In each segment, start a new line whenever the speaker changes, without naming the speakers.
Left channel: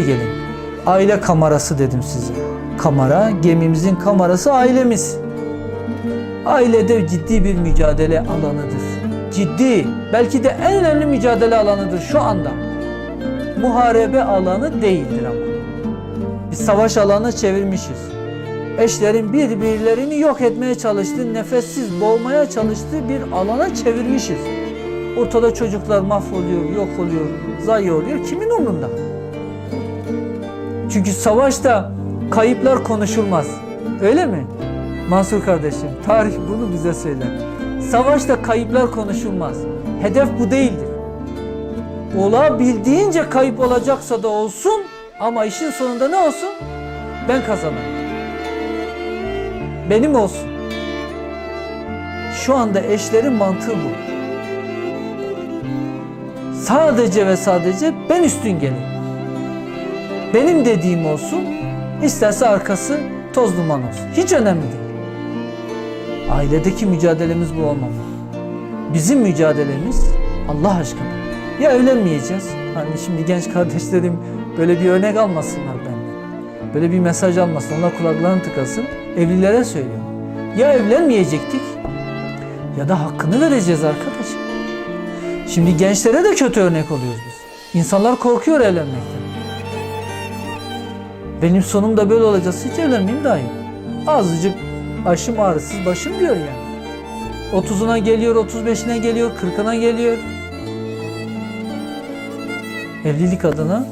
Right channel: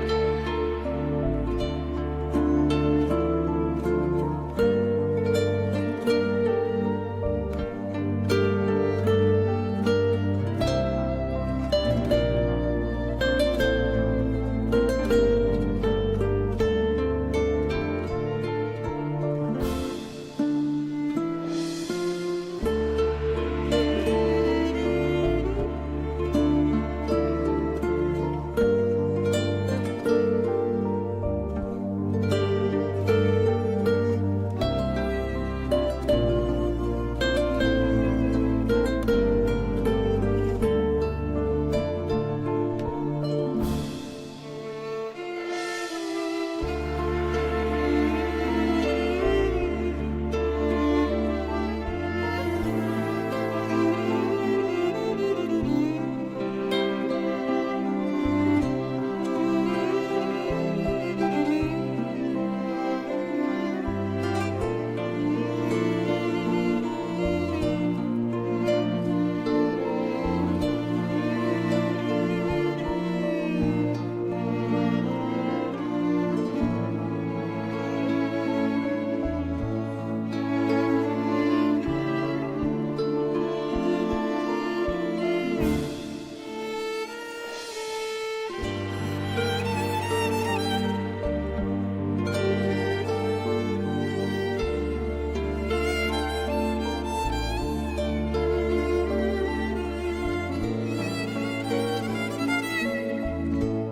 gelin. Aile kamerası dedim size. Kamera, gemimizin kamerası ailemiz. Ailede ciddi bir mücadele alanıdır. Ciddi, belki de en önemli mücadele alanıdır şu anda. Muharebe alanı değildir ama. Biz savaş alanı çevirmişiz. Eşlerin birbirlerini yok etmeye çalıştığı, nefessiz boğmaya çalıştığı bir alana çevirmişiz. Ortada çocuklar mahvoluyor, yok oluyor, zayi oluyor. Kimin umrunda? Çünkü savaşta kayıplar konuşulmaz. Öyle mi? Mansur kardeşim, tarih bunu bize söyler. Savaşta kayıplar konuşulmaz. Hedef bu değildir. Olabildiğince kayıp olacaksa da olsun ama işin sonunda ne olsun? Ben kazanırım. Benim olsun. Şu anda eşlerin mantığı bu. Sadece ve sadece ben üstün geleyim. Benim dediğim olsun, isterse arkası toz duman olsun. Hiç önemli değil. Ailedeki mücadelemiz bu olmalı. Bizim mücadelemiz Allah aşkına. Ya evlenmeyeceğiz. Hani şimdi genç kardeşlerim böyle bir örnek almasınlar benden. Böyle bir mesaj almasın. Onlar kulaklarını tıkasın. Evlilere söylüyorum. Ya evlenmeyecektik ya da hakkını vereceğiz arkadaşım. Şimdi gençlere de kötü örnek oluyoruz biz. İnsanlar korkuyor evlenmekten. Benim sonum da böyle olacak. Hiç evlenmeyeyim daha iyi. Azıcık başım ağrısız başım diyor ya. 30'una geliyor, 35'ine geliyor, 40'ına geliyor. Evlilik adına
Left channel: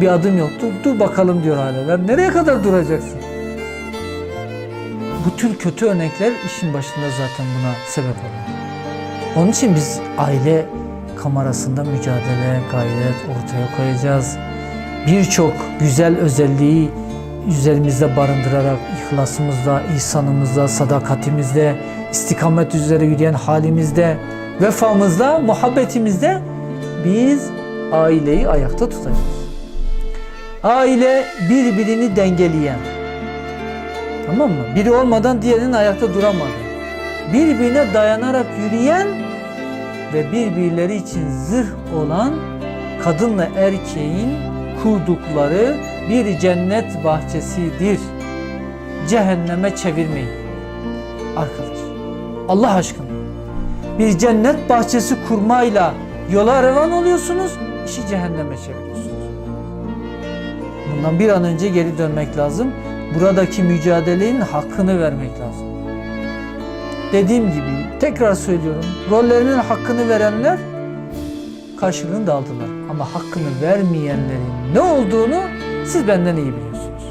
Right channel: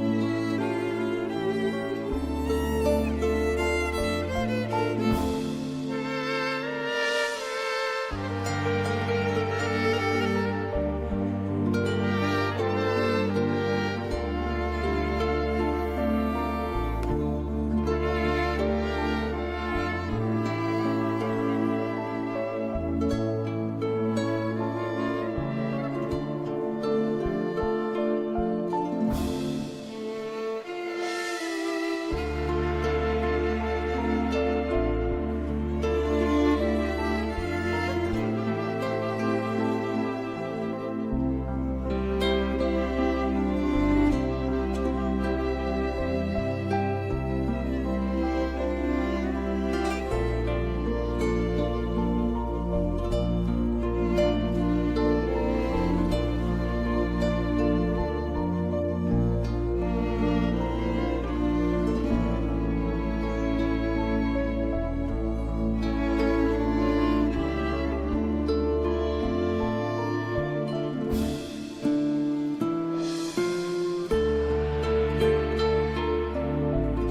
bir adım yoktu. Dur bakalım diyor aileler. Nereye kadar duracaksın? Bu tür kötü örnekler işin başında zaten buna sebep oluyor. Onun için biz aile kamerasında mücadele, gayret ortaya koyacağız. Birçok güzel özelliği üzerimizde barındırarak ihlasımızda, ihsanımızda, sadakatimizde, istikamet üzere yürüyen halimizde, vefamızda, muhabbetimizde biz aileyi ayakta tutacağız. Aile birbirini dengeleyen, tamam mı? Biri olmadan diğerinin ayakta duramadı. Birbirine dayanarak yürüyen ve birbirleri için zırh olan kadınla erkeğin kurdukları bir cennet bahçesidir. Cehenneme çevirmeyin. Arkadaş, Allah aşkına. Bir cennet bahçesi kurmayla yola revan oluyorsunuz, işi cehenneme çeviriyorsunuz. Bundan bir an önce geri dönmek lazım. Buradaki mücadelenin hakkını vermek lazım. Dediğim gibi tekrar söylüyorum. Rollerinin hakkını verenler karşılığını da aldılar. Ama hakkını vermeyenlerin ne olduğunu siz benden iyi biliyorsunuz.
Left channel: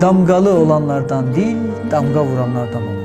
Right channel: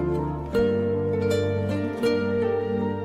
Damgalı olanlardan değil, damga vuranlardan olun.